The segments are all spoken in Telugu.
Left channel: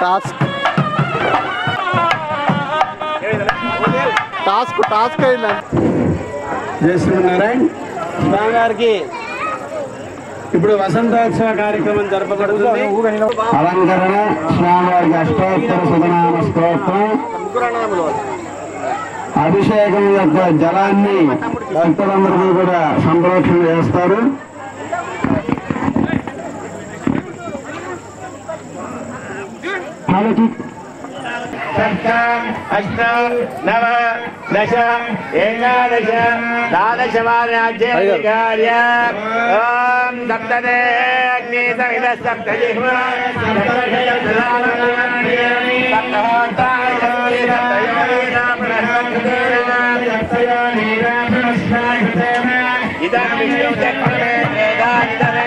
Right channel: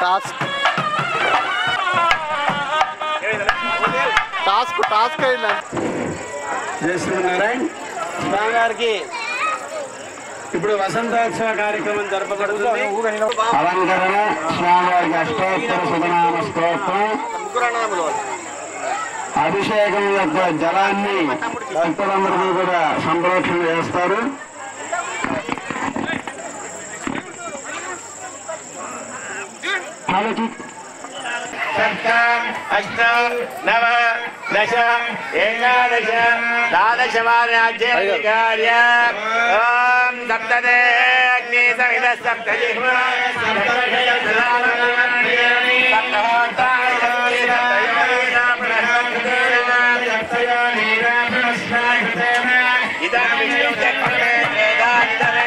టాస్క్ చేస్తున్నారాయణ స్వామి గారికి ఇప్పుడు వసంతోత్సవ కార్యక్రమం జరపబడుతుంది. అలంకరణ స్వామివారికి అష్టోత్తర శతనామ స్తోత్రం, అభిషేకం యొక్క జలాన్ని భక్తులందరికీ కూడా సంప్రోక్షణ చేస్తారు. सप्त अष्ट नव दश एकादश द्वादशवार्याज्येन्द्रिय ओम सप्तदे अग्नि सविद सप्तजिह्वा इदं विष्णु चक्रमे वेदान्तरे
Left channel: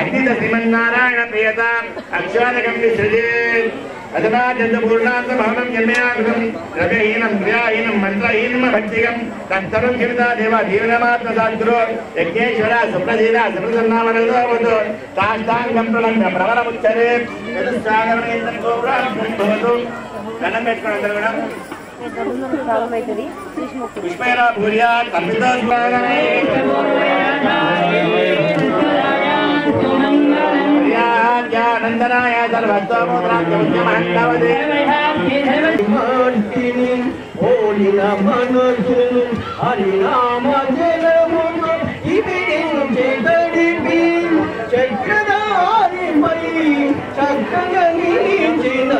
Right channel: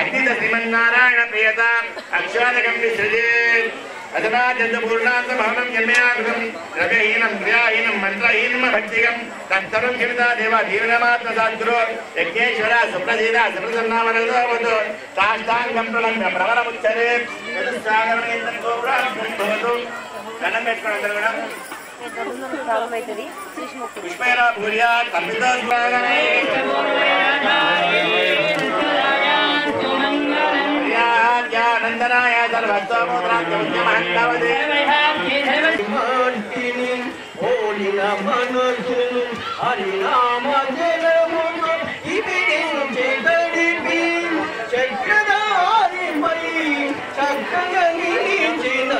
అగ్నిత శ్రీమన్నారాయణ ప్రియత అక్షాదకం విసృజే అదనా చంద్రపూర్ణాంత భవనం జన్మయాగం ద్రవ్యహీనం క్రియాహీనం మంత్రహీనం భక్తిగం తత్తరం కిమితా దేవ జీవనమాత్మ సాధురో యజ్ఞేశ్వర సుప్రసీద సుప్రసన్నామనోవతు సాష్టాంగం ప్రణమ్య ప్రవరముచ్చరే చతుస్సాగరమేంద్రం గోపురాభవతు దండం పెట్టుకోండి అందరూ కూడా పుష్పేరా భూర్యా కల్పితోస్వాగమే నందనాయ సర్వస్తోమోద్రాజ్యమహంతవదే ఓలిన మనసును హరినామ జలమును ఇవిడించే గడిపి చక్రధారి మై చక్కగా నిలిచిన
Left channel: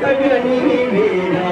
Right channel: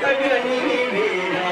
చక్కగా నిలివేనా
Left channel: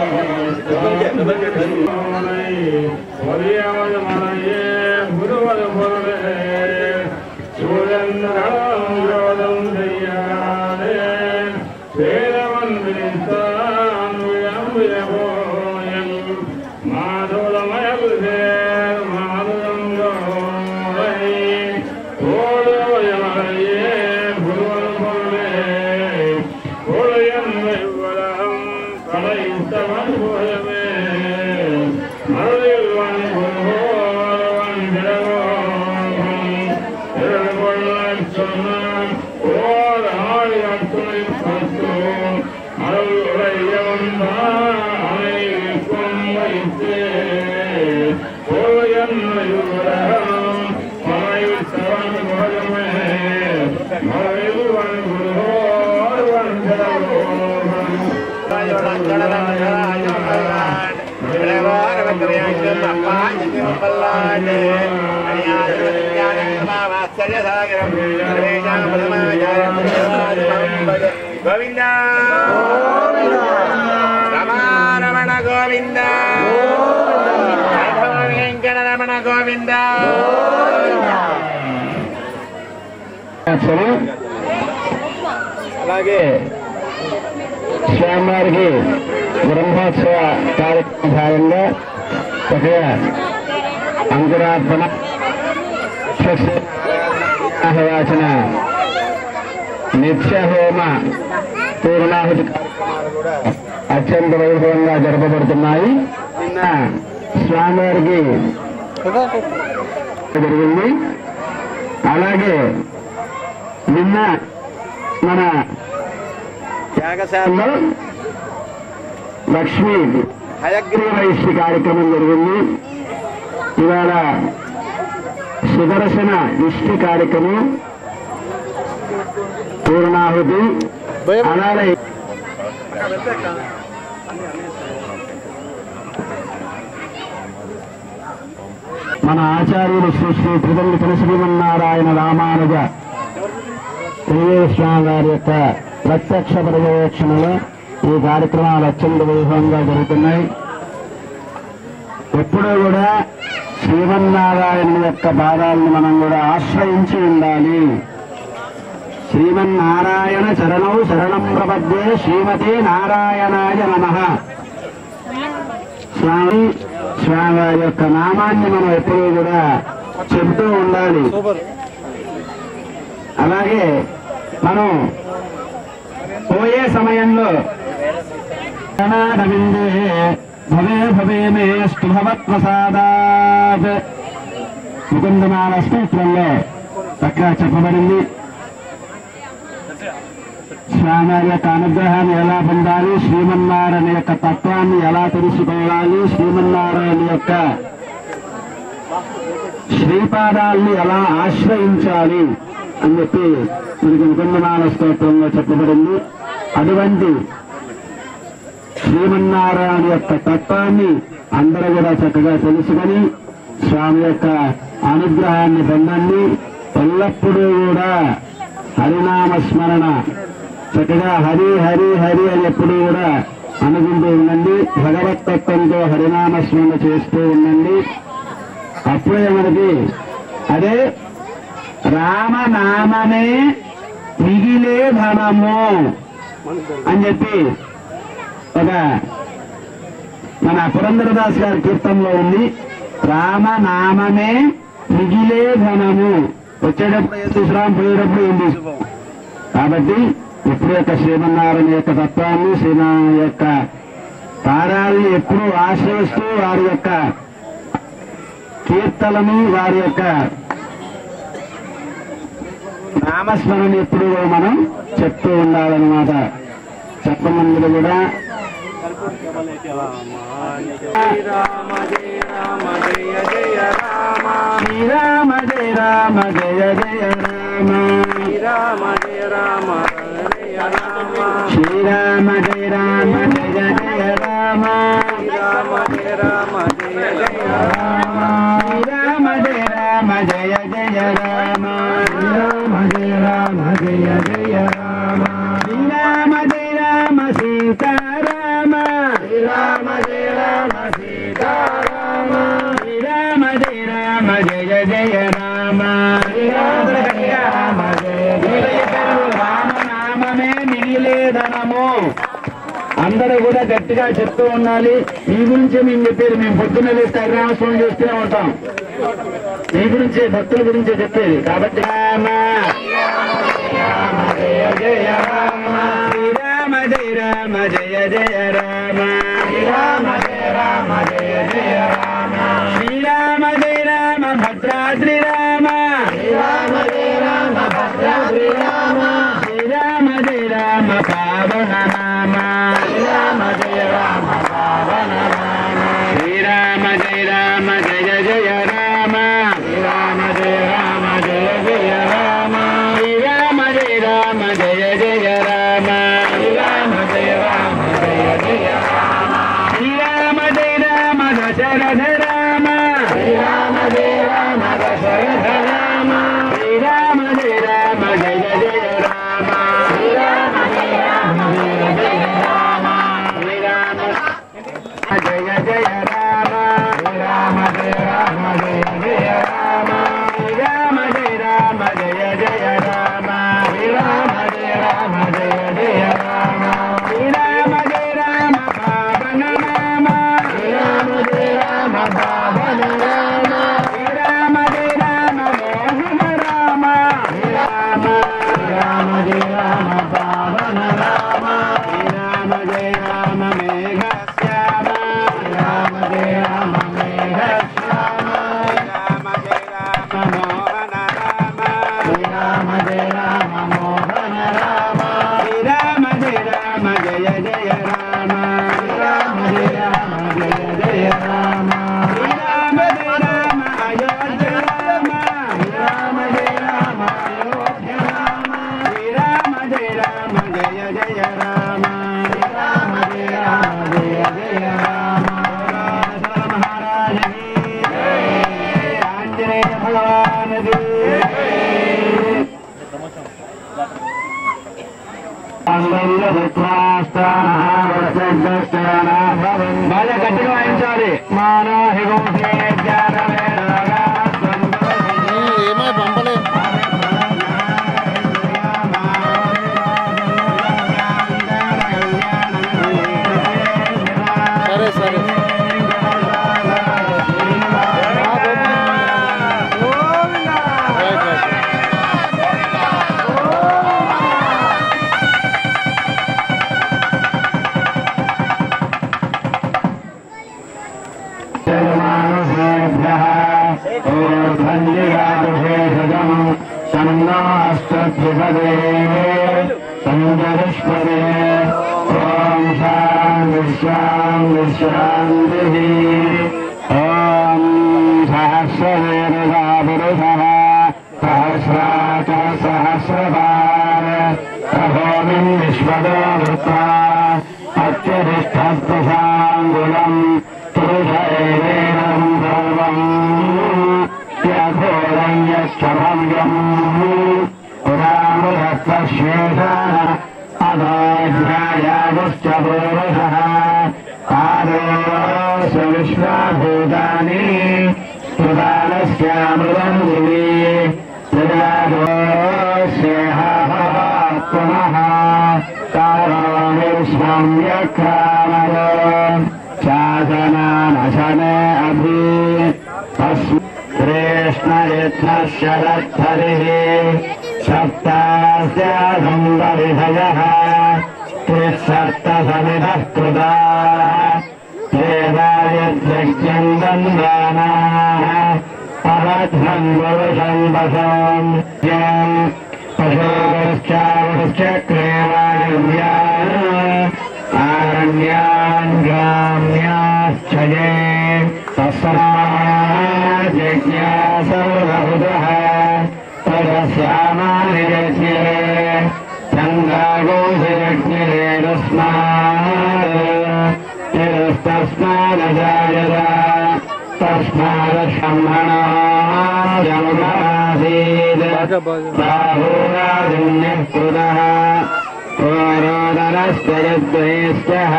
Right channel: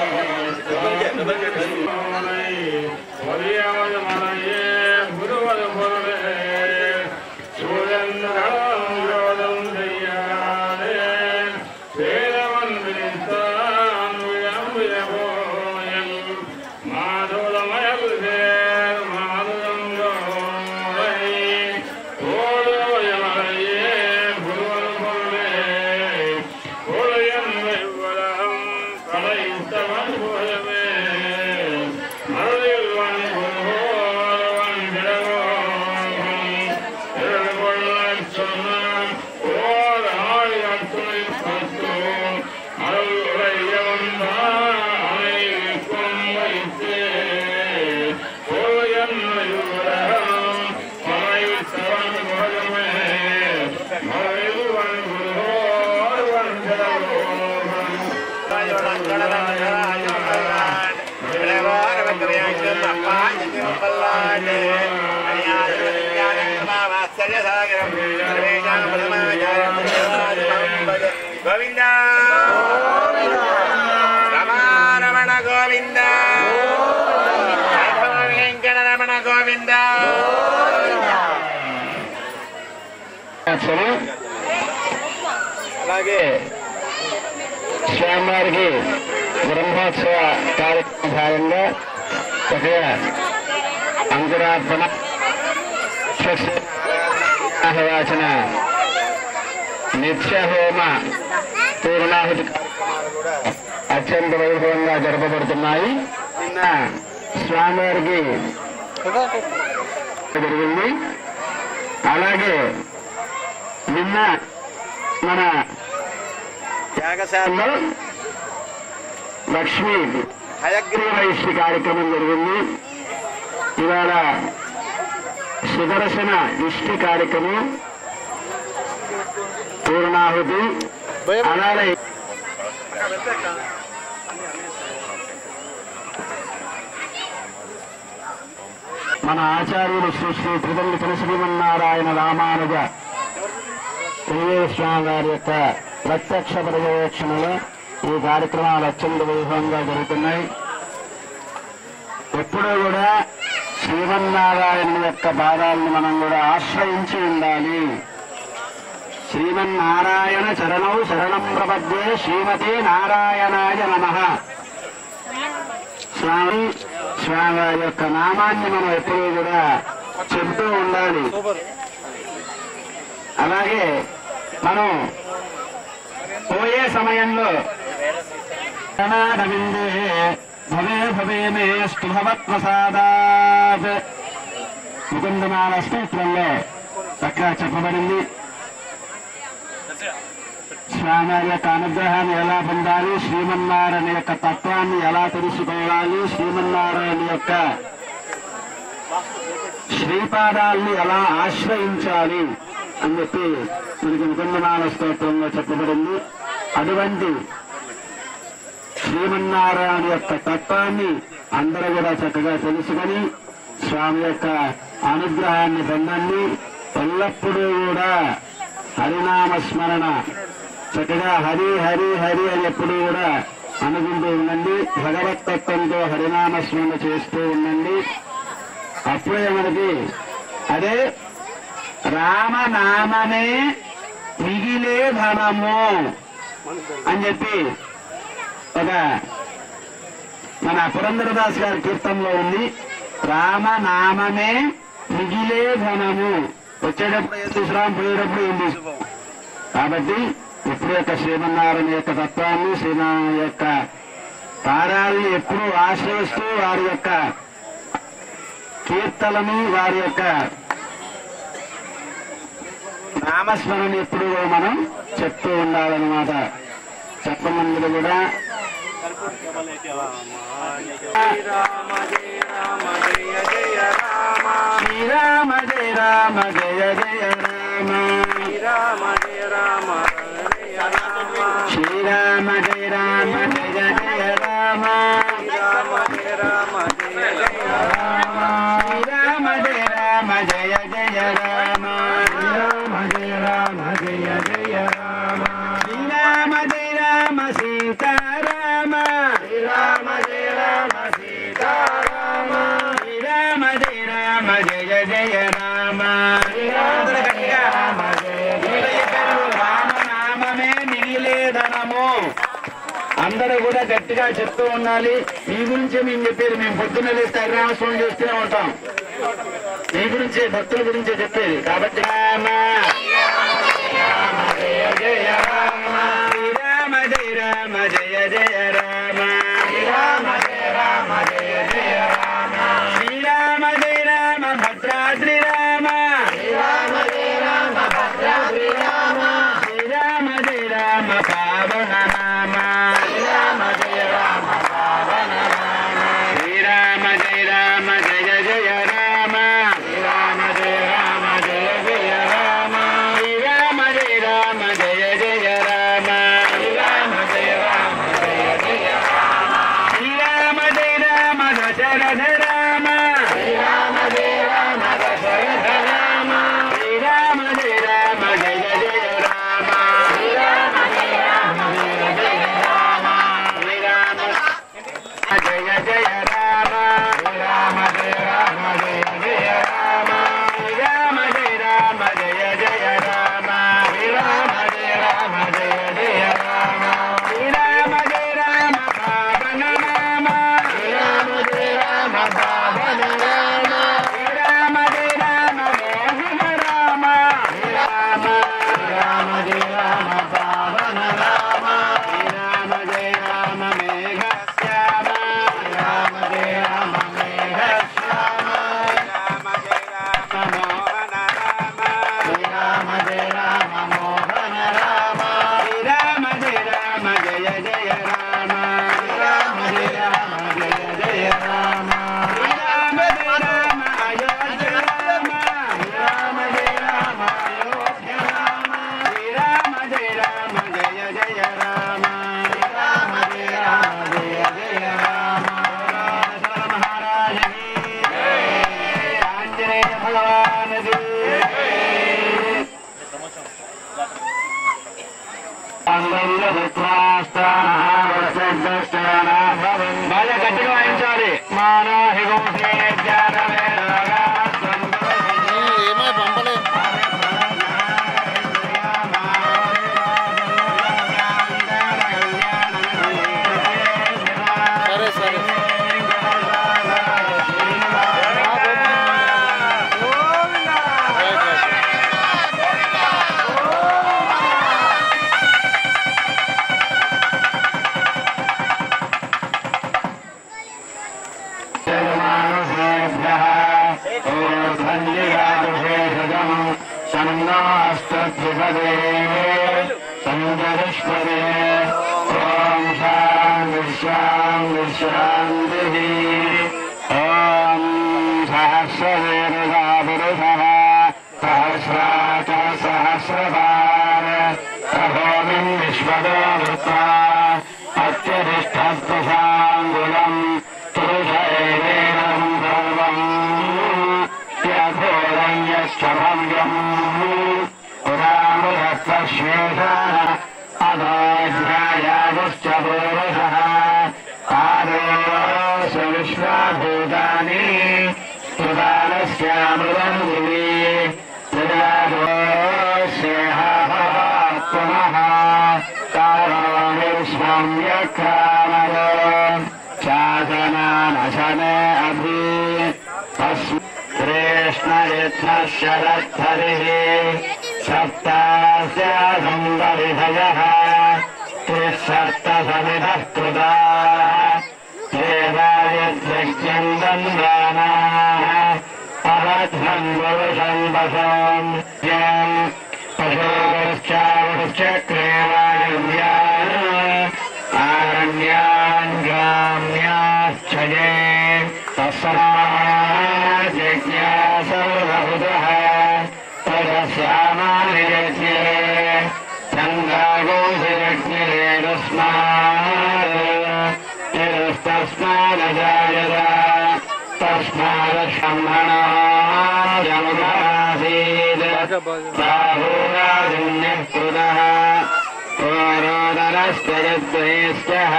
గోవింద రమణ గోవింద వెంకట రమణ గోవింద. అలాగే స్వామివారికి బ్రహ్మోత్సవ కార్యక్రమ భాగంగా చక్కగా అంకురార్పణ ఆహ్వాచన నిత్య హోమ పూర్ణాహుతి కార్యక్రమాలు కూడా అత్యంత వైభవంగా జరపబడుతున్నాయి. నిన్న స్వామివారికి జరిగింది. అలాగే నిన్న మన యాగశాలలో లక్ష్మీ హయగ్రీవైష్ణి కార్యక్రమం జరిగింది. ఇవాళ సుదర్శన ఇష్టి కార్యక్రమం పూర్ణాహుతి. అలాగే మన ఆచార్యులు శ్రీ శ్రీ త్రిదండి శ్రీమన్నారాయణ రామానుజ స్వామి గారి యొక్క ప్రత్యక్ష పర్యవేక్షణలో ఈ కార్యక్రమాలు అత్యంత వైభవంగా జరుగుతున్నాయి. ఎప్పుడూ కూడా శ్రీమన్నారాయణ యొక్క పాదాలను మనం కూడా ఆశ్రయించి ఉండాలి. శ్రీమన్నారాయణ చరణౌ శరణం ప్రపద్యే శ్రీమతే నారాయణాయ నమః. స్వామి వారి యొక్క నామాన్ని మనం ఎప్పుడూ కూడా చెబుతూ ఉండాలి. అలాగే మనం పోయే సమయంలో భవే భవే మే స్తుభవత్ప్రసాదాత్ ముకుందమాల స్తోత్రంలో చక్కగా చెప్పబడింది. స్వామివారి యొక్క అనుగ్రహాన్ని ఎలా పొందాలి, శ్రీమన్నారాయణ యొక్క తత్వాన్ని ఎలా తెలుసుకోవాలి, శ్రీమన్నారాయణ యొక్క శ్రీపాదాల్ని ఎలా ఆశ్రయించాలి అని చెప్పి మనకి ముకుందమాల స్తోత్రంలో చెప్పబడింది. అటువంటి శ్రీమన్నారాయణ యొక్క తత్వాన్ని అందరూ కూడా చక్కగా తెలుసుకొని స్వామి యొక్క అనుగ్రహాన్ని పొందండి. ఎల్లప్పుడూ కూడా హరినామస్మరణ చక్కగా హరి హరి హరి అని ఎప్పుడూ కూడా అనుకుంటూ ఉండండి. భగవతత్వంతో హరినామస్మరణ చేస్తూ ఉండండి. అప్పుడే మనకి అదే రామనామమే మిగిలే ధనము అని చెప్పి ఒక మన పురంధరదాస్ గారి కీర్తనలో ఉంది. రామనామమే మిగిలే ధనము. వచ్చేటప్పుడు ఏం తీసుకురాం, పోయేటప్పుడు ఏం తీసుకోం. కాబట్టి ఇప్పుడు యొక్క శ్రీమన్నారాయణ యొక్క తత్వాన్ని, శ్రీనారాయణ యొక్క పారాలని ఎప్పుడూ ఆశ్రయిస్తూ వారి యొక్క కీర్తనని, వారి యొక్క నామస్మరణ ఎప్పుడు మనం చెప్తూ ఉండాలన్నమాట. చెప్పమందులు కూడా శ్రీరామ జయ రామ జయ జయ రామ, శ్రీరామ జయ రామ జయ జయ రామ, శ్రీరామ జయ రామ జయ రామ, శ్రీరామ జయ రామ జయ జయ రామ, శ్రీరామ జయ రామ జయ జయ రామ, శ్రీరామ జయ రామ జయ జయ రామ, శ్రీరామ జయ రామ జయ జయ రామ, శ్రీరామ జయ రామ సీతారామ, శ్రీరామ జయ రామ సీతారామ, శ్రీరామ జయ రామ జయ జయ రామ, శ్రీరామ జయ రామ జయ జయ రామనామమే మిగిలే ధనము. అందరూ కూడా గట్టిగా చెప్తూ ఉండాలి. మీ గురించి మేము చెప్పేది, మేము పొద్దున్న లేస్తే హరినామస్వామి చేస్తూనే ఉంటాం. మీ గురించి, భక్తుల గురించే చెప్పేది. కాబట్టి రామ రామ జయ జయ రామ, శ్రీరామ జయ రామ జయ జయ రామ, శ్రీరామ జయ రామ జయ జయ రామ, శ్రీరామ జయ రామ భద్రాద్రి రామ, శ్రీరామ జయ రామ భద్రాద్రి రామ, శ్రీరామ జయ రామ పావన నామ, శ్రీరామ జయ రామ పావన నామ, శ్రీరామ జయ రామ జయ జయ రామ, శ్రీరామ జయ రామ జయ జయ రామ, శ్రీరామ జయ రామ జయ జయ రామ, శ్రీరామ జయ రామ జయ జయ రామ, శ్రీరామ జయ రామ దశరథ రామ, శ్రీరామ జయ రామ దశరథ రామ, శ్రీరామ జయ రామ జయ జయ రామ, శ్రీరామ జయ రామ జయ జయ రామ, శ్రీరామ జయ జయ రామ, శ్రీరామ జయ రామ జయ జయ రామ, శ్రీరామ జయ రామ జయ జయ రామ, శ్రీరామ జయ రామ జయ జయ రామ, శ్రీరామ జయ రామ పావన నామ, శ్రీరామ జయ రామ పావన నామ, శ్రీరామ జయ రామ మోహన రామ, శ్రీరామ రామ జయ రామ పావన రామ, శ్రీరామ జయ రామ మేఘ శ్యామ, శ్రీరామ జయ రామ మేఘ శ్యామ, శ్రీరామ జయ రామ మోహన రామ, శ్రీరామ జయ రామ మోహన రామ, శ్రీరామ జయ రామ జయ జయ రామ, శ్రీరామ జయ రామ జయ జయ రామ, శ్రీరామ జయ రామ అయోధ్య రామ, శ్రీరామ జయ రామ అయోధ్య రామ, శ్రీరామ జయ రామ జయ జయ రామ, శ్రీరామ జయ రామ జయ జయ రామ, మహారాజ ఆంజనేయ భగవాన్ బాగా గట్టిగా వాయించాలి. ఏమై పంపలే సరే సరే शन्नास्तद्विपदे सन्दरिष्पदे ॐ शान्तिः ॐ सहस्रवेदसा पुरुषः सहस्राच सहस्रपार सहोमिन् विश्वतो वृत्वा अत्यधिष्ठत्वशाङ्गुलम् पुरुष एवेदम् सर्वम् यथोरं यश्चभव्यम् पुरामृतश्वेता अधोऽध्यायागश्च पुरुषः आदोष विश्वाभूतानि प्रदानस्यामृतम् गुरुवे कामयो शासनानशने अभि कृष्णयत्नः शरद्धरिः सप्तास्य संवरिधयः त्रिसप्तसमिधः कृताः देवायज्ञम् दन्दानाः अवध्वम् पुरुषम् वशम् यम् पशोश्चावश्चक्रे वायुव्यान् आरण्यान् ग्राम्याश्चये तस्माज्ञा सर्वभुतः तदस्यामानि यज्ञे चन्द्रागोषयज्ञे तस्मादजायत तस्मादशम्भणासीत् बाहुराजन्यः कृतः पुरोदरश्च यद्वयस्यः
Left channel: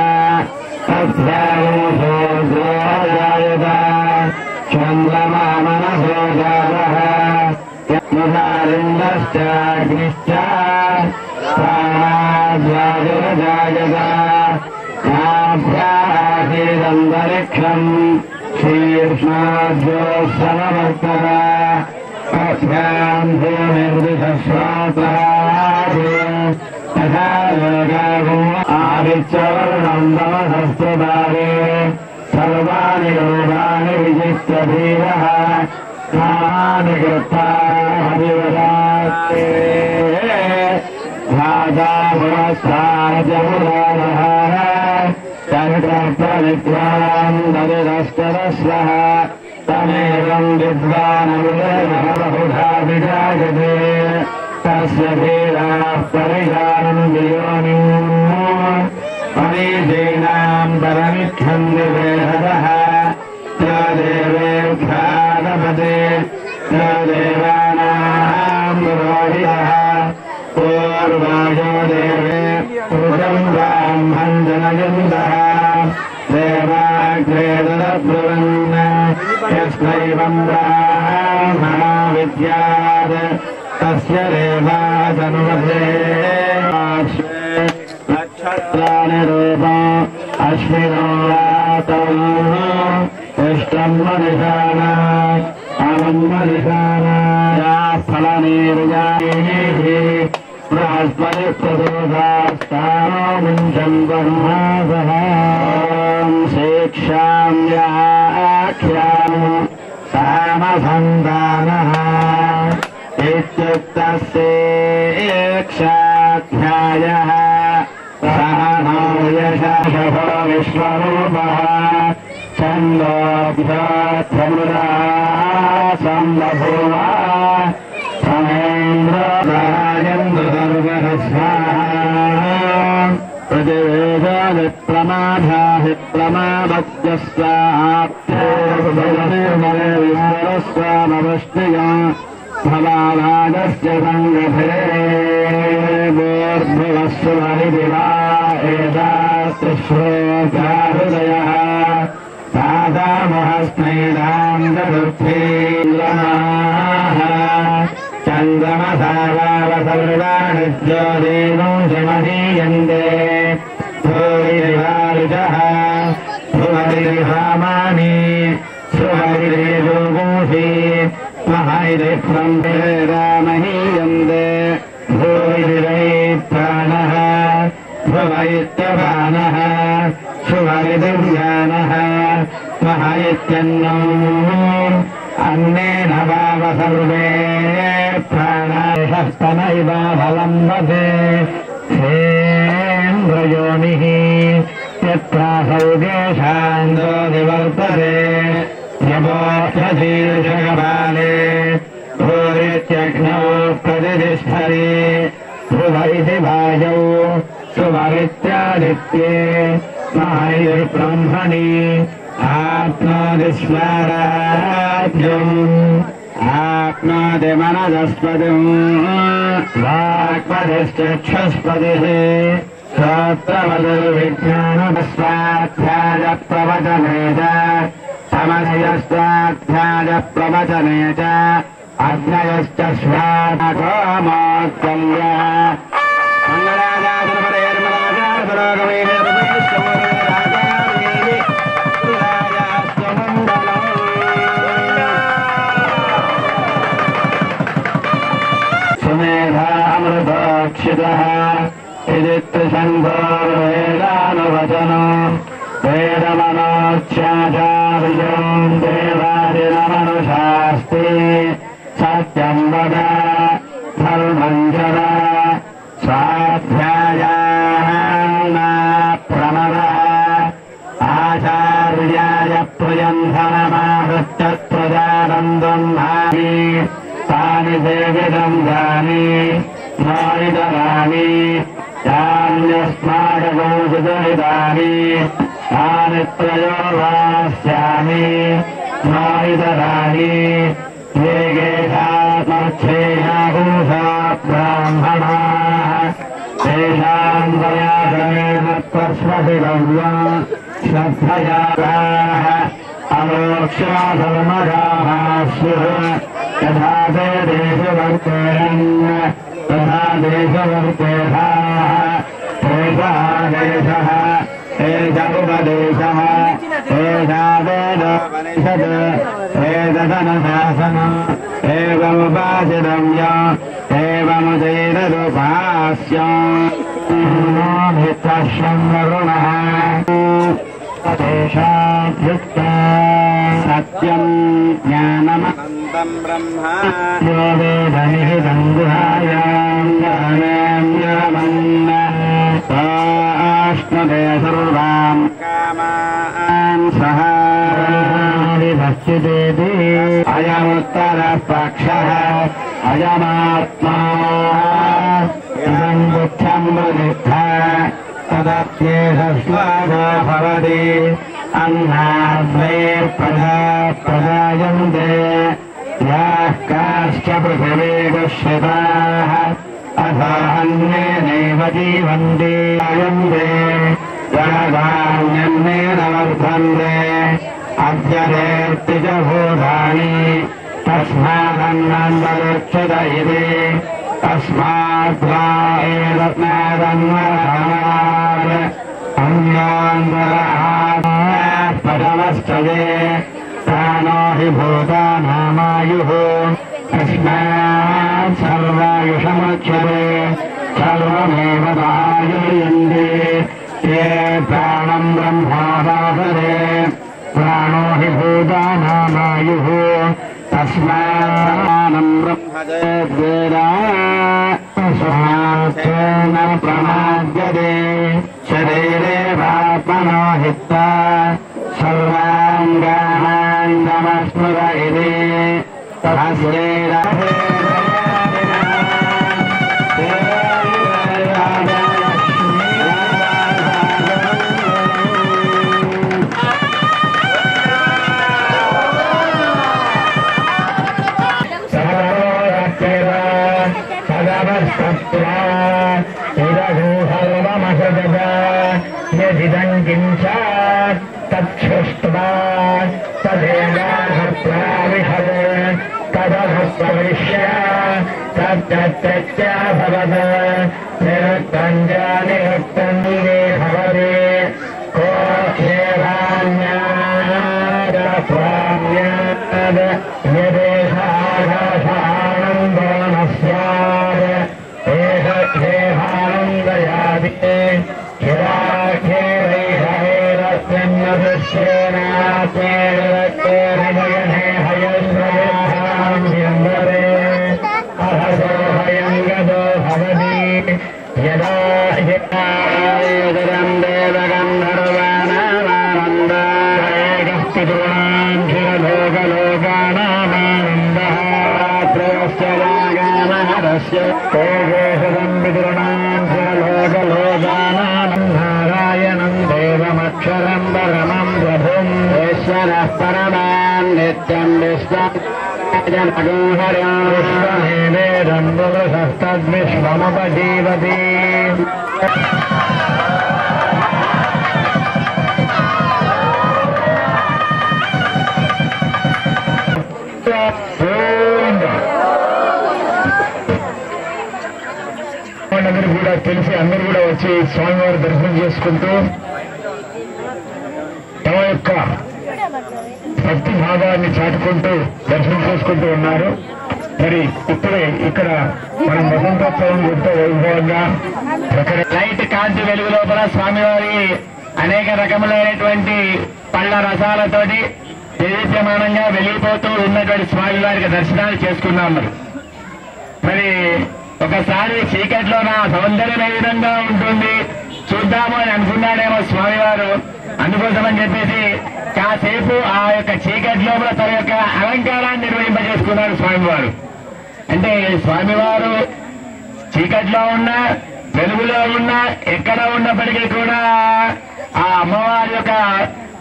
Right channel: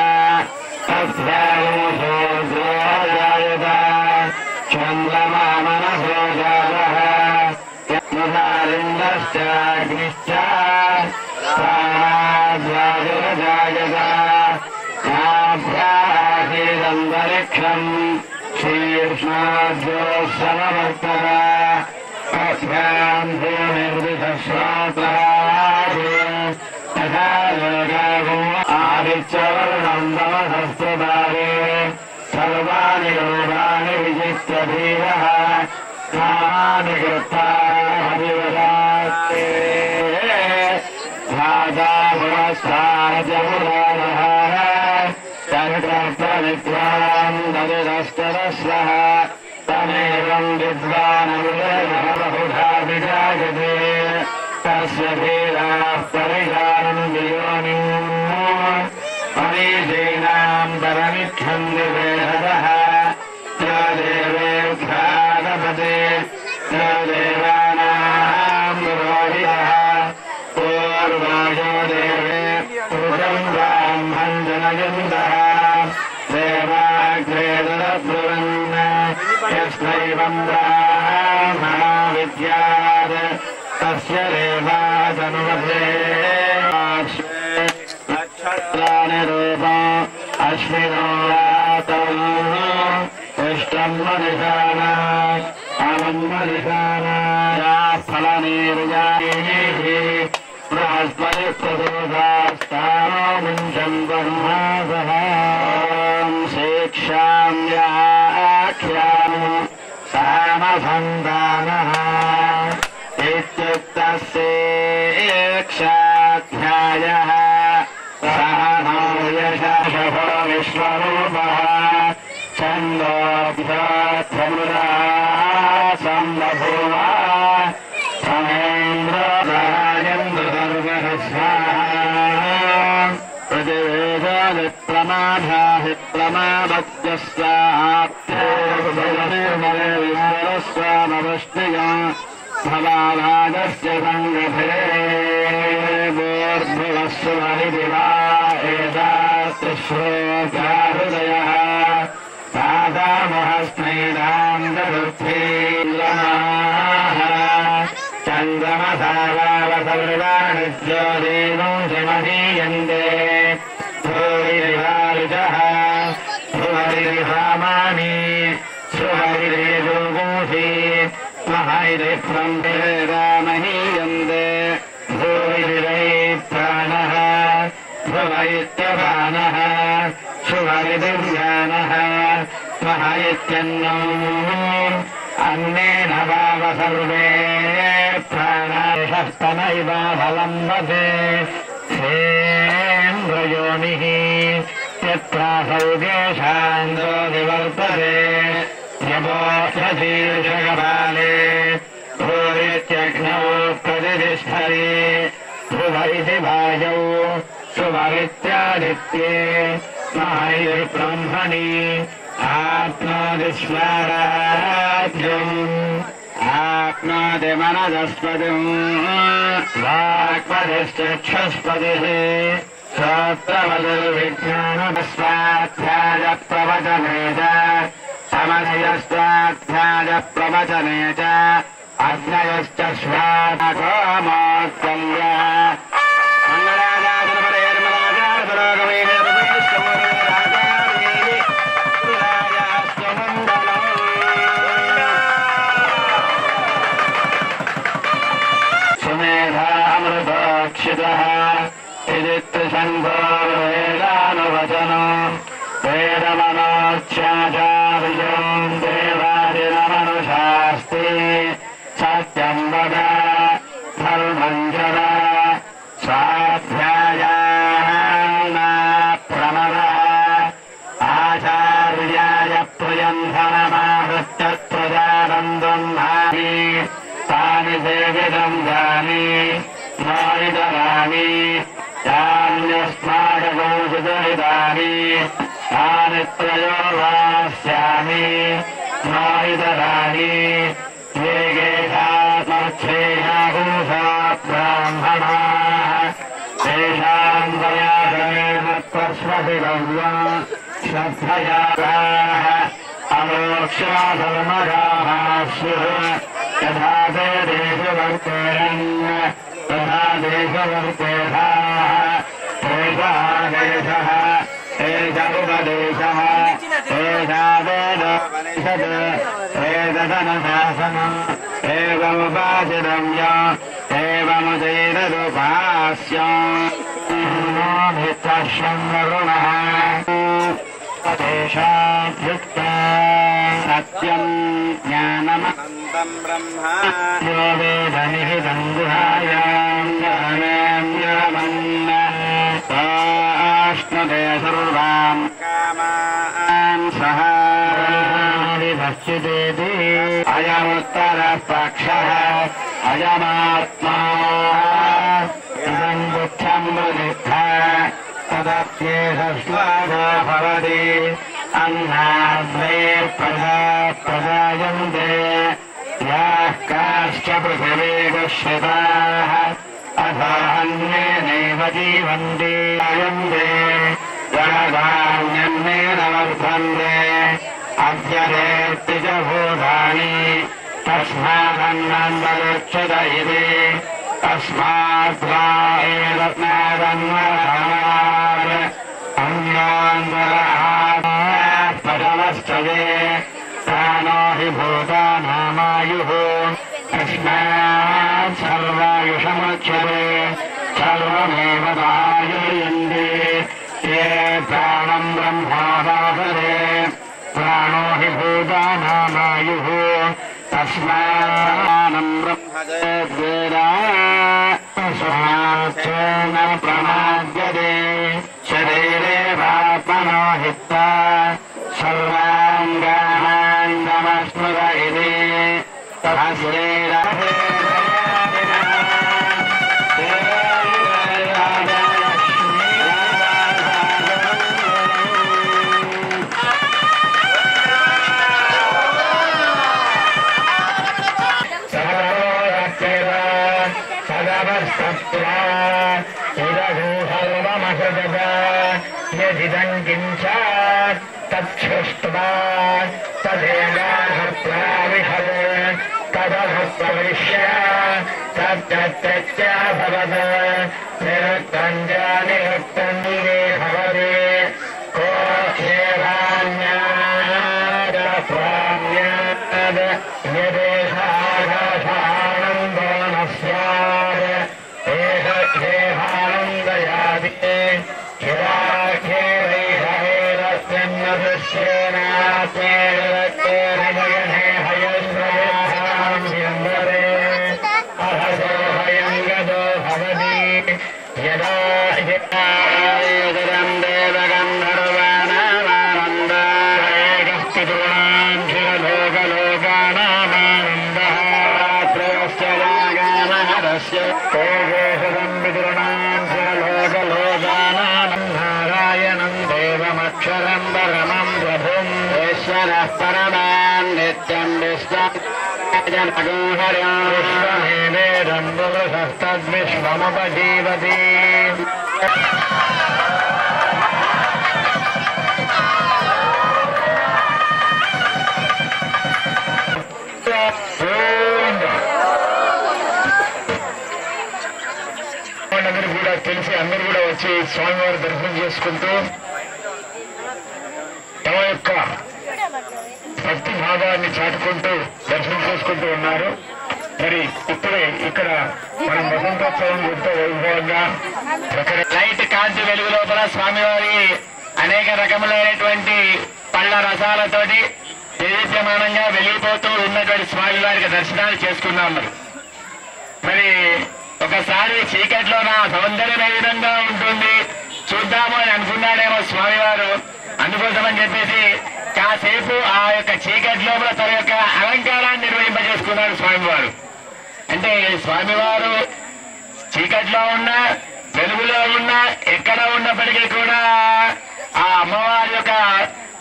तस्यागोषोऽजायत चन्द्रमा मनसो जातः यत्मुखालिन्दश्चाग्निश्च प्राणाद्वायुरजायत नाभ्यासीदन्तरिक्षम् शीर्ष्णाद्योत्सववर्तत तस्याम् भूमिर्विधश्रातः तथा लोकागो आदित्यवर्णम् तमसस्त्रदारे सर्वाणि लोकानि विजित्य धीरः कामानि कृत्वा हरिवदास्ते धाता पुरस्ताजमुदानः तन्त्रप्रविद्वान् दरिरस्तरस्वः तमेवम् विद्वानमुदयः बहुधा विजायते तस्य धीराः परिजानम् वियोनिम् परीजीनाम् परमिच्छन् विवेहदः देवेभ्यागपते देवानाम् पुरोहितः पूर्वायो देवे पुरुषम् ब्राह्मम् जनयन्तः देवाग्रेदब्रुवन् यस्मैवम् ब्राह्मणो विद्यात् तस्य देवादनुवसे नक्षत्राणि रूपम् अश्विनो यातम् इष्टम् मनिषाणा अमम् मनिषाणा फलनीर्यायैः बृहस्पतिप्रदोषास्तानो मुञ्चन् ब्रह्मासः शिक्षाम् व्याख्याम् सामसन्तानः इत्युक्तस्येक्षाध्यायः सह नो यशः विश्वरूपः छन्दोभ्योऽध्वमुदा सम्बभूव समेन्द्रराजेन्द्रदर्गः स्वाहा प्रतिवेदादिप्रमाधाहि प्रमादस्यस्वाप्तेर्मलविश्वरस्वामवष्टिया फलाभागस्य सङ्गभे बोर्भुवस्व हरिदिवा एतास्तिश्रोगाहृदयः पादामहस्मैदान्तवृद्धीन्द्रमाः चन्द्रमसावावसर्वाणि ज्योतिनो शमहीयन्ते भूरिरिवारिजः भुवरिरिहामानि सुहरिरिजोगोषि महैरिप्रम्भेरामहीयन्ते भूरिरिवैप्राणः भुवैत्यपानः सुहरिदिव्यानः महैत्यन्नम् अन्नेन वाव सर्वे प्राणाशस्तनैव फलम्बते सेन्द्रयोनिः यत्रासौगेशान्तो निवर्तते यमोऽशीर्षकपाले भूरित्यग्नौ प्रतिष्ठति ध्रुव इति वायौ सुवरित्यादित्ये महैर्ब्रह्मणि आप्नोति स्वराज्यम् आप्नोति मनदस्पतिम् वाक्पतिश्चक्षुष्पतिः श्रोत्रवदुर्विज्ञानस्वाध्याय प्रवचने च समन्वयस्वाध्याय प्रवचने च अग्नयश्च स्वात्मोत्तल्यः मंगलाचार्य सुमेधामृतोक्षितः इदित्रिशङ्कोर्वेदानुवचनो वेदमनोच्चाचार्यम् देवादिनमनुशास्ति सत्यम् वद धर्मम् चर स्वाध्यायाना प्रमदः आचार्याय प्रियन्धनमाहृत्यत्प्रजानन्दम् भावि तानि सेवितम् जानि नोइतराणि यान्यस्माकगोषितहितानि तानि त्रयोर्वास्यामि नोइतराणि ये गेशात्मच्छेयाभूषा ब्राह्मणाः तेषाम् दयादयेन त्वस्वभिगव्यम् श्रद्धयाः अमोक्षाधर्मजाः स्युः यथा ते देशवर्तेरन् तथा देशवर्तेधाः एषादेशः एष उपदेशः एषा वेदोपनिषत् एतदनुशासनम् एवमुपाचितव्य एवमुदैरदुपास्यम् मित्रशृङ्गरुणः तेषाद्युक्ता सत्यम् ज्ञानमनन्तम् ब्रह्म यो वेदनिहितम् गुहायाम् ज्ञानान्यमन्न स्वाश्नुते सर्वान् कामान् सह विभक्षितेति अयमुत्तरपक्षः अयमात्मा इदम् दुःखम् वदित्वा तदप्येष स्वादो भवति अन्नाद्वे प्रजायन्ते याः काश्च पृथिवी दुष्यताः अथान्ये नैव जीवन्ति अयन्ते जगदान्यन्नेन वर्धन्ते अद्यदेत्ति च भूतानि तस्मादन्नन्दरुच्यत इति तस्माद्वा एतन्नादन्वरात् अन्यान्तरः पदमस्तये प्राणो हि भूतानामायुः तस्मात् सर्वायुषमुच्यते सर्वमेव आयुर्यन्ते ये प्राणम् ब्रह्मावासरे प्राणो हि भूतानामायुः तस्मान्नम् ब्रह्मजेद्वेदा स्वात्मेन प्रमाद्यते शरीरे वात्मनो हित्वा सर्वाङ्गानान्दमस्मृत इति तस्यैरहे यदिदम् किञ्च तच्छृष्ट्वा तदेवाहत्वाविहत् तदभक्तविष्य तत्तत्यभवत् निरुक्तम् च निरुक्तम् दिवे भवति को ह्येवान्याद यदेशाघानन्दो न स्यात् एष ह्येवानन्दयादि यदा हितायदरम् देवगन्धर्वाणामानन्दलोकलोकानामानन्दः त्रयश्च रागामहरस्य तेजोषदम् विदुर्णाम् लोकलोकानानम् देवमक्षरम् परमम् प्रभुम् ईश्वरः परमान् नित्यम् विश्वमेवेदम् पुरुषस्तद्विश्वमुपजीवति అందరూ కూడా తెలిసి అందరూ కూడా వచ్చి స్వామివారి దర్శనం చేసుకుంటూ తమ యొక్క భక్తి భావాన్ని చాటుకుంటూ దర్శనం చేసుకుంటూ ఉన్నారు. మరి ఇప్పుడే ఇక్కడ మనం వసంతోత్సవం ఎంతో వైభవంగా లైట్ కాంతి వెలుగు లోపల స్వామివారి అనేక రకములైనటువంటి పళ్ళ రసాలతోటి దేదీప్యమానంగా వెలిగిపోతూ ఉన్నటువంటి స్వామివారికి దర్శనాలు చేసుకున్నాం. మరి ఒకసారి చీకట్లో నా సౌందర్యం ఏ విధంగా ఉంటుంది చూద్దాము అని అనుకున్నాడేమో స్వామివారు. అందుకోసమని చెప్పేసి కాసేపు ఆ యొక్క చీకట్లో తన యొక్క అలంకారాన్ని నిర్వహింపజేసుకున్నాడు స్వామివారు. అంటే స్వామివారు చీకట్లో ఉన్నా వెలుగులో ఉన్నా ఎక్కడ ఉన్నప్పటికీ కూడా ఆ అమ్మవారి యొక్క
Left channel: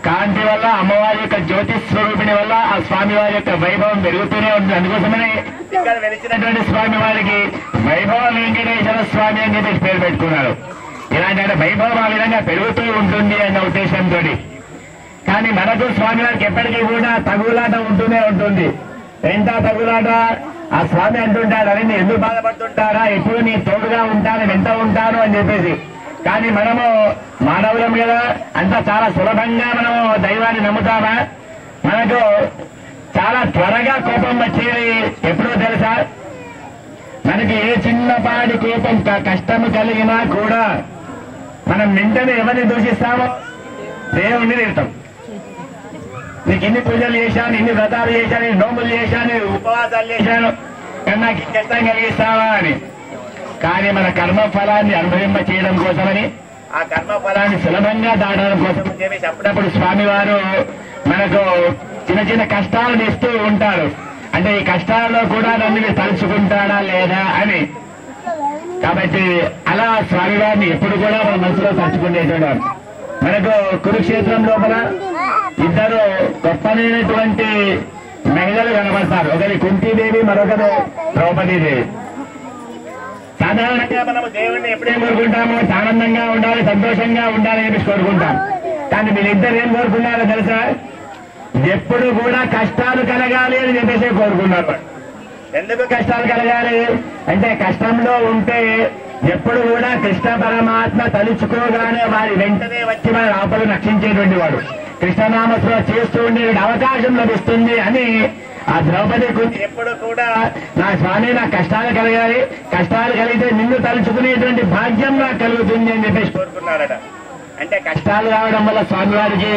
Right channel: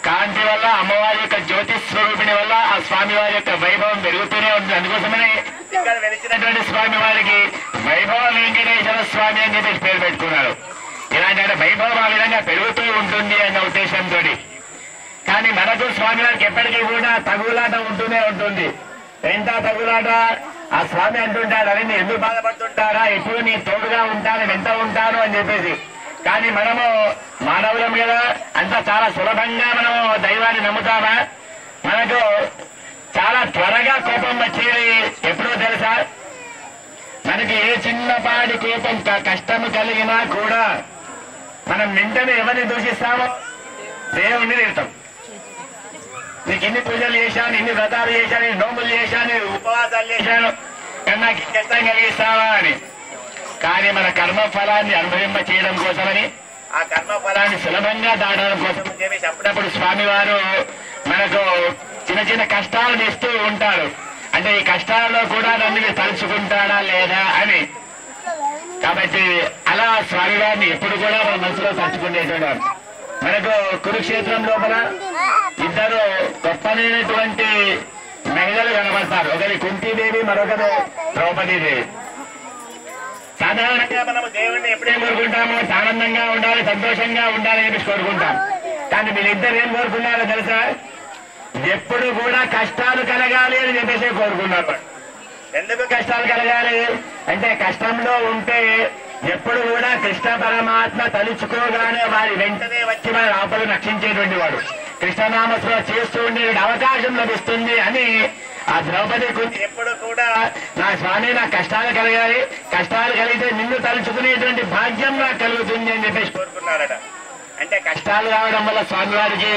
కాంతి వల్ల అమ్మవారి యొక్క జ్యోతి స్వరూపిణి వల్ల ఆ స్వామివారి యొక్క వైభవం పెరుగుతూనే ఉంటుంది. అందుకోసమనే ఇక్కడ వెలిచినటువంటి స్వామి వారికి వైభవ వెంకటేశ్వర స్వామి అని చెప్పి పేరు పెట్టుకున్నారు. ఇలాంటి వైభవం ఆ విధంగా పెరుగుతూ ఉంటుంది అన్న ఉద్దేశంతో. కానీ మనకు స్వామి వారికి ఎప్పటికీ కూడా తగులాట ఉంటూనే ఉంటుంది. ఎంత తగులాట? ఆ స్వామి అంటుంటాడు, అరే నేను ఎందుకు బాధపడుతుంటారా, ఎప్పుడు నీ తోడుగా ఉంటాను, వెంట ఉంటాను అని చెప్పేసి. కానీ మనము మానవులం కదా, అంతా చాలా సులభంగా మనము దైవాన్ని నమ్ముతామా? మనకు చాలా త్వరగా కోపం వచ్చేది ఎప్పుడో తెలుసా? మనకి ఏ చిన్నపాటి కోపం కష్టము కలిగినా కూడా మనం వెంటనే ఎవరిని దూషిస్తామో? దేవుణ్ణి తిడతాం. నీకు ఇన్ని పూజలు చేశాను, ఇన్ని వ్రతాలు చేశాను, ఇన్ని నోములు చేశాను, ఉపవాసాలు చేశాను, కానీ నాకు కష్టం కలిగిస్తావా అని. కానీ మన కర్మ ఫలాన్ని అనుభవింప చేయడం కోసమని, ఆ కర్మ ఫలాన్ని సులభంగా దాటడం కోసం చెప్పేసి అప్పుడప్పుడు స్వామివారు మనకు చిన్న చిన్న కష్టాలను ఇస్తూ ఉంటారు. అంటే ఈ కష్టాల్లో కూడా నన్ను తలుచుకుంటాడా లేదా అని. కాబట్టి అలా స్వామివారిని ఎప్పుడు కూడా మన మనసులో తలుచుకునేటవారు. మనకు కురుక్షేత్రం లోపల ఇద్దరు గొప్పనైనటువంటి మహిళలు కనబడతారు. ఒకరి కుంతీదేవి, మరొకరు ద్రౌపదీదేవి. సాధారణంగా మనము దేవుణ్ణి ఎప్పుడేం కోరుకుంటాము? ఆనందంగా ఉండాలి, సంతోషంగా ఉండాలి అని చెప్పి కోరుకుంటాం. కానీ వీళ్ళిద్దరు ఏం కోరుకున్నారో తెలుసా? ఎప్పుడు కూడా కష్టాలు కలగాలి అని చెప్పేసి కోరుకున్నారు. ఎందుకు కష్టాలు కలగాలి అంటే, కష్టంలో ఉంటే ఎప్పుడు కూడా కృష్ణ పరమాత్మ తలుచుకోగానే వారి వెంటనే వచ్చి వారి ఆపలను రక్షించేటువంటి వాడు. కృష్ణనామస్మరణ చేస్తూ ఉండే అవకాశం లభిస్తుంది అని ఆ ద్రౌపది కుంతి ఎప్పుడు కూడా నా స్వామి నాకు కష్టాలు కలగాలి, కష్టాలు కలిగితే నిన్ను తలుచుకునేటువంటి భాగ్యం నాకు కలుగుతుంది అని చెప్పేసి కోరుకున్నారట. అంటే కష్టాలు రావడం వల్ల స్వామివారికి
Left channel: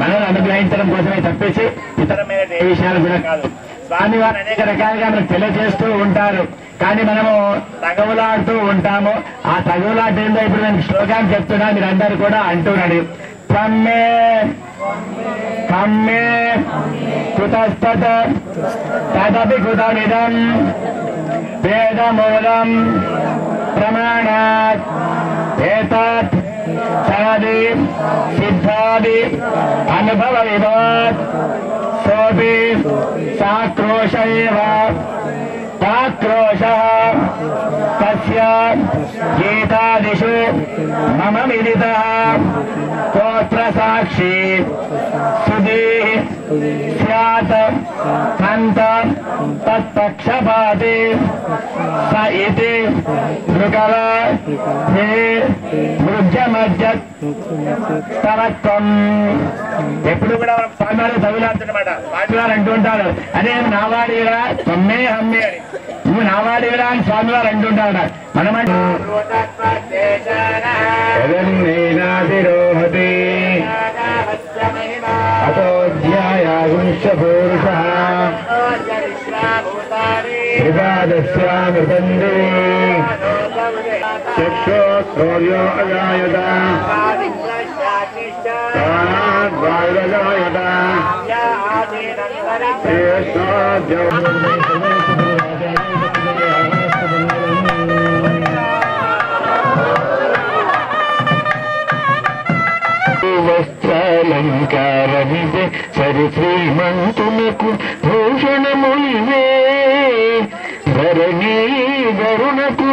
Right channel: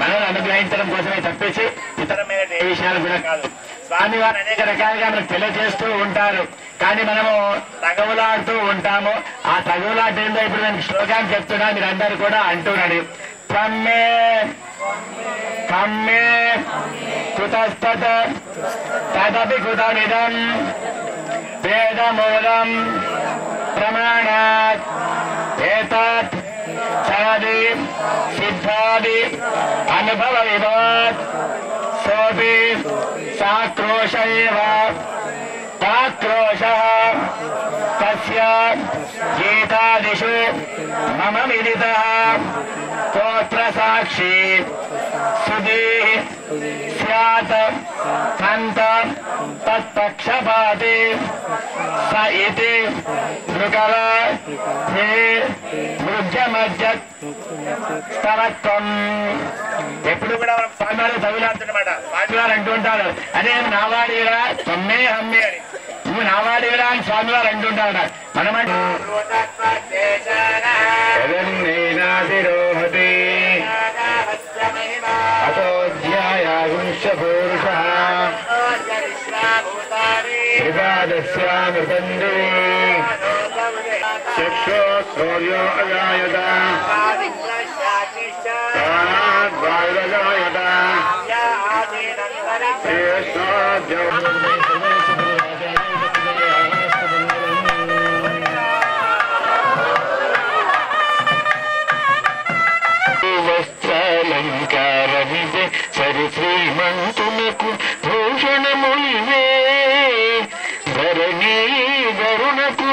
మనల్ని అనుగ్రహించడం కోసమే తప్పేసి ఇతరమైన ఏ విషయాలు కూడా కాదు. స్వామివారు అనేక రకాలుగా మనకు తెలియజేస్తూ ఉంటారు. కానీ మనము తగవులాడుతూ ఉంటాము. ఆ తగవులాట ఏంటో ఇప్పుడు నేను శ్లోకాన్ని చెప్తున్నా, మీరందరూ కూడా అంటున్నాడు. త్వమ్మే కమ్మే కుతస్తత తదపి కృతమిదం వేదమూలం ప్రమాణాత్ ఏతత్ సాది సిద్ధాది అనుభవ విభాత్ సోపి సాక్రోశ ఏవ తాక్రోశ తస్య గీతాదిషు మమ విదితః స్తోత్ర సాక్షి సుధీ స్యాత్ కంత తత్పక్షపాతి స ఇతి మృగల హే మృగ్యమజ్జత్ స్తవత్వం. ఎప్పుడు కూడా మనం స్వామివారు తగులాడుతున్నమాట. స్వామివారు అంటుంటారు, అదే నావాడిరా తొమ్మే హమ్మే అని, నువ్వు నావాడిరా అని స్వామివారు అంటుంటాడు. మనమంటే అతోధ్యాయాగుంశపూరుష శ్రీపాదస్యామృతందే చక్షో సూర్యో అజాయత ప్రాణాద్వాయురజాయత వస్త్రాలంకారమిదే సరి శ్రీమంతునకు భూషణములివే ధరణీ వరుణకు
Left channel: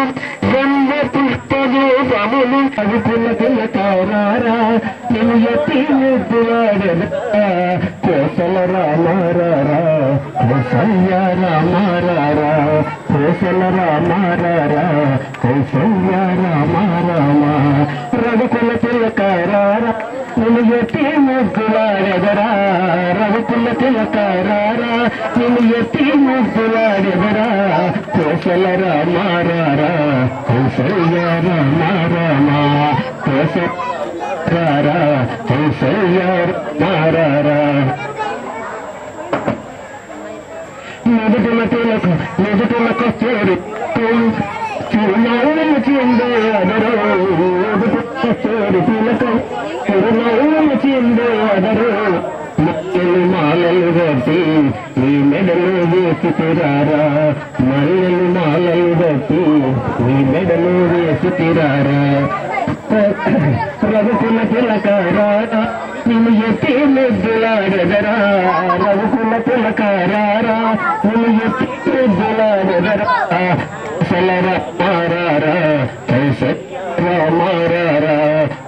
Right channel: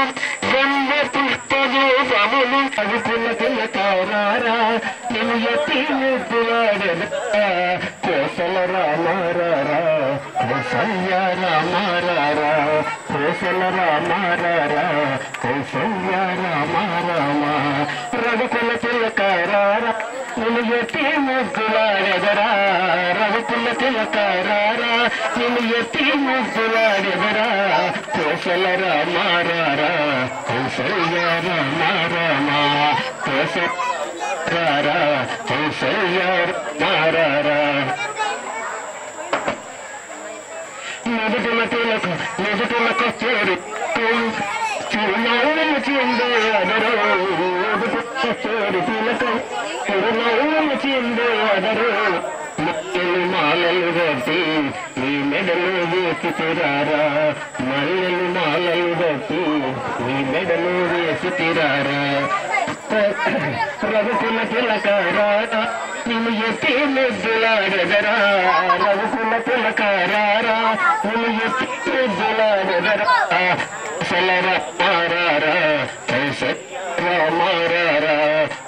గంధ పుష్పరూపములు అవిపుల తిలకారారా నేను ఎత్తి ముద్దులాడరా కోసల రామారారా కౌసల్య రామారారా కోసల రామారారా కౌసల్య రామారామ రఘుకుల తిలకారారా నిన్ను ఎత్తి ముద్దులాడెదరా రఘుకుల తిలకారారా నిన్ను ఎత్తి ముద్దులాడెదరా కోసల రామారారా కౌసల్య రామారామా కోసరారా కౌసల్య రామారారా నిదుటలకు చేరి చిరునవ్వులు చిందే అదరు చేరి తిలకం చిరునవ్వులు చిందే అదరు మల్లెలు మాలలు కట్టి నీ మెడలు వేసి తిరారా మల్లెలు మాలలు కట్టి నీ మెడలు వేసి తిరారా రఘుకుల తిలకారా నిన్ను ఎత్తి ముద్దులాడెదరా రఘుకుల తిలకారారా నిన్ను ఎత్తి ముద్దులాడెదరా కౌసల రామారారా రామారారా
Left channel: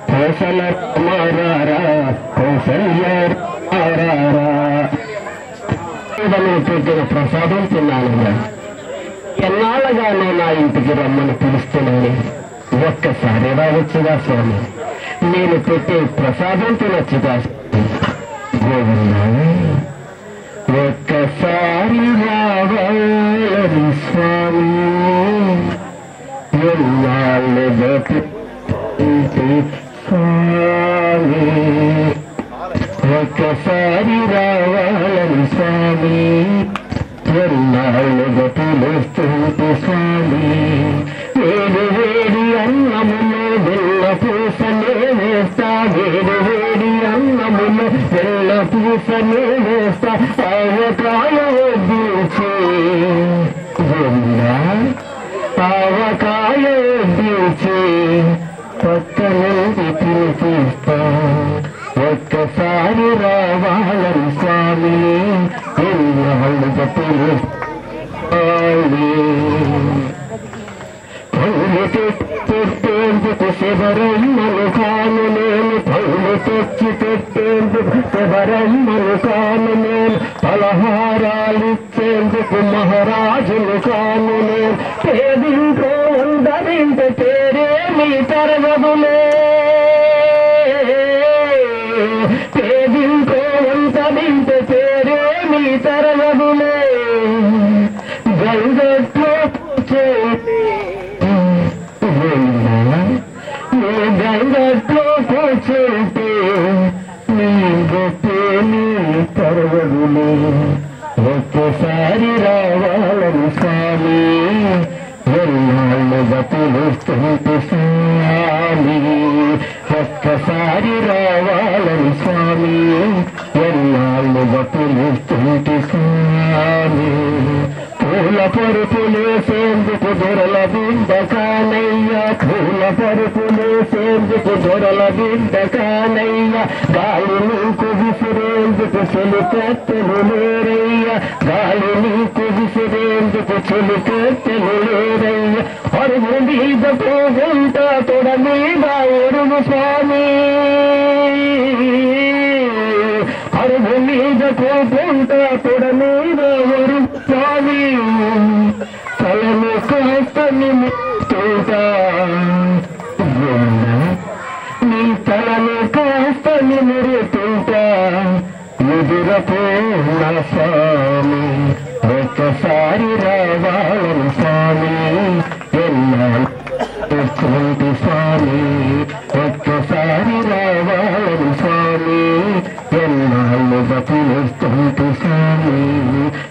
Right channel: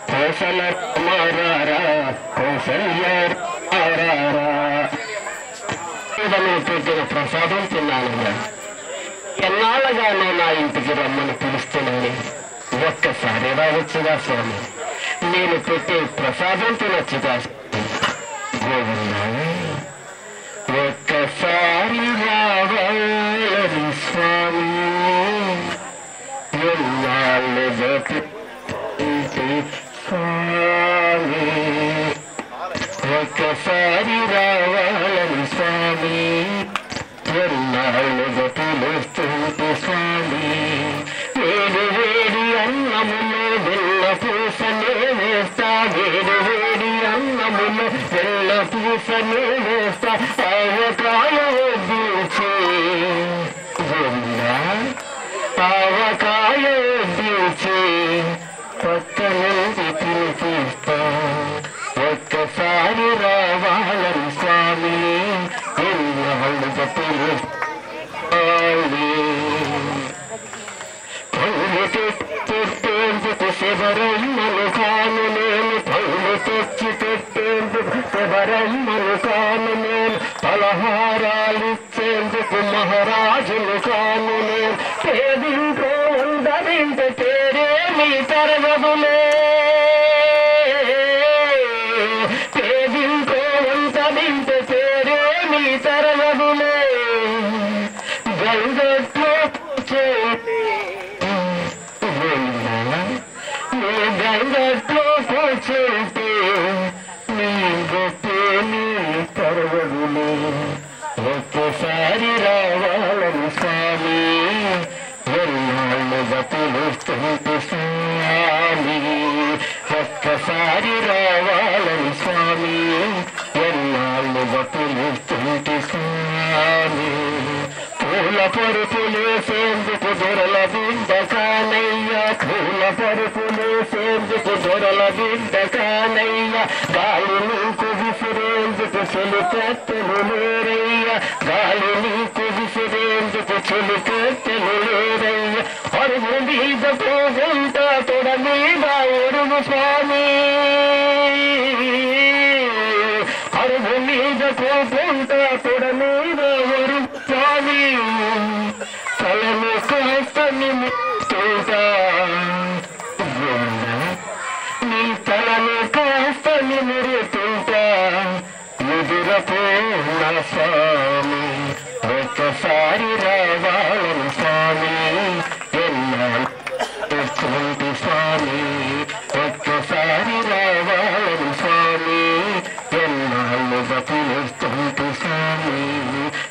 కౌసల రామారారా కౌసల్య రామారారా పెట్టిన ప్రసాదం తిన్నాను ఎన్నాళ్ళగానో నా ఇంటికి రమ్మని పిలుస్తున్నాను ఒక్కసారి రావచ్చుగా స్వామి నేను పెట్టే ప్రసాదం తినొచ్చుగా గోవిందా ఒక్కసారి రావాలి స్వామి ఎన్నాళ్ళు స్వామి ఒక్కసారి రావాలని స్వామి ఎన్నాళ్ళు పిలుస్తుంటే స్వామి వేడి వేడి అన్నములో వెళ్ళ పూసనే వేస్తా వేడి వేడి అన్నములో వెళ్ళ పూసనే వేస్తా ఆవకాయ వడ్డించే ఆవకాయ వడ్డించే పక్క నుండి తినిపిస్తా ఒక్కసారి రావాలని స్వామి ఎన్నాళ్ళుగా పిలుస్తాయి పళ్ళు పెట్టేందుకు శబరమ్మను కాను నేను పళ్ళు తెచ్చి పెట్టేందుకు శబరమ్మను కాను నేను పలహారాలిచ్చేందుకు మహారాజును కాను నేను పేదింట్లో ఉండదింటే పేరేమి తరగదులే పేదింట్లో ఉండదింటే పేరేమి తరగదులే గంగట్లో గంగట్లో కూర్చుంటే నీ గొప్పే నీ తరగదులే ఒక్కసారి రావాలని స్వామి ఎన్నాళ్ళుగా పిలుస్తుంటే స్వామి ఒక్కసారి రావాలని స్వామి ఎన్నాళ్ళుగా పిలుస్తుంటే స్వామి పూల పరుపులేసేందుకు దొరల బిడ్డ కానయ్యా పూల పరుపులేసేందుకు దొరల బిడ్డ కానయ్యా గాలి నీకు విసిరేందుకు చెలికత్తెలు లేరయ్యా గాలి నీకు విసిరేందుకు చెలికత్తెలు లేరయ్యా అరుగు మీద పోగుంటా తొడ మీద ఒరుగు స్వామి అరుగు మీద పోగుంటా తొడ మీద ఒరుగు స్వామి తలను కాస్తని ముట్టుతా నీ తలను కాస్తని మురుతుంటా ఎదురపో నా స్వామి ఒక్కసారి రావాలని స్వామి ఎన్నాళ్ళు స్వామి ఒక్కసారి రావాలని స్వామి ఎన్నాళ్ళుగా పిలుస్తుంటే స్వామి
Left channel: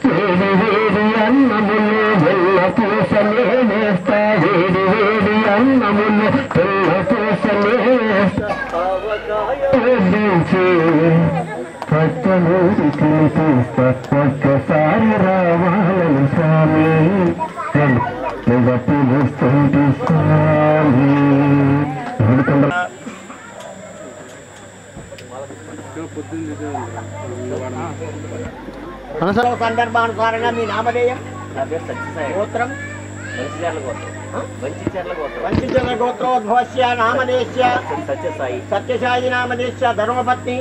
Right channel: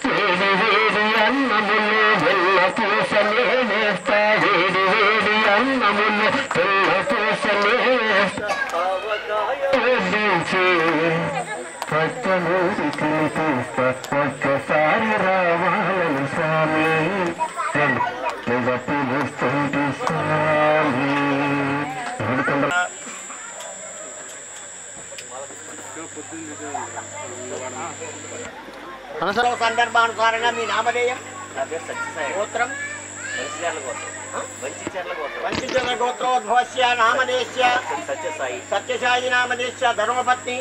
వేడి వేడి అన్నములు వెళ్ళ పూసలే వేస్తా వేడి వేడి అన్నములు వెళ్ళ పూసలే వేస్తా పక్కనూరి తినిపిస్తా ఒక్కసారి రావాలని స్వామి పిలుస్తుంటే స్వామి సందర్భానుసారంగా మీ నామధేయం గోత్రం వంచిచర్ల గోత్రోద్భవస్య నామధేయస్య సత్యసాయి నామధేయస్య ధర్మపత్ని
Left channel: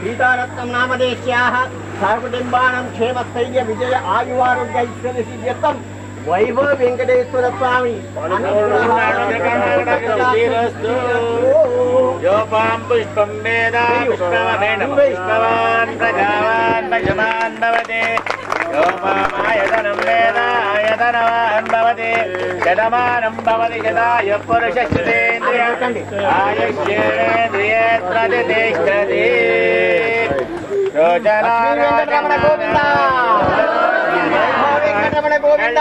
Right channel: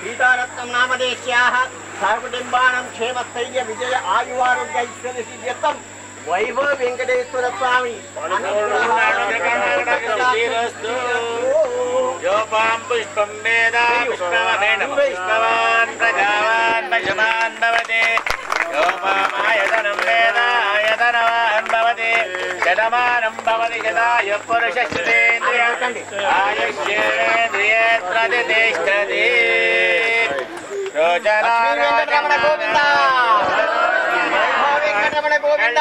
సీతారత్నం నామధేయస్యాః సహకుటుంబానాం క్షేమస్థైర్య విజయ ఆయువారోగ్య ఐశ్వర్య సిద్ధ్యర్థం వైభవ వెంకటేశ్వర స్వామి योपां पुष्पं वेद पुष्पवनेन पुष्पवान् प्रजावान् पशुमान् भवति योपामायतनं वेद आयतनवान् भवति शतमानं भवति शताय पुरुषस्तेन्द्रिय आयुष्येन्द्रिये प्रतिष्ठति रोचनारमण गोविन्द गोविन्द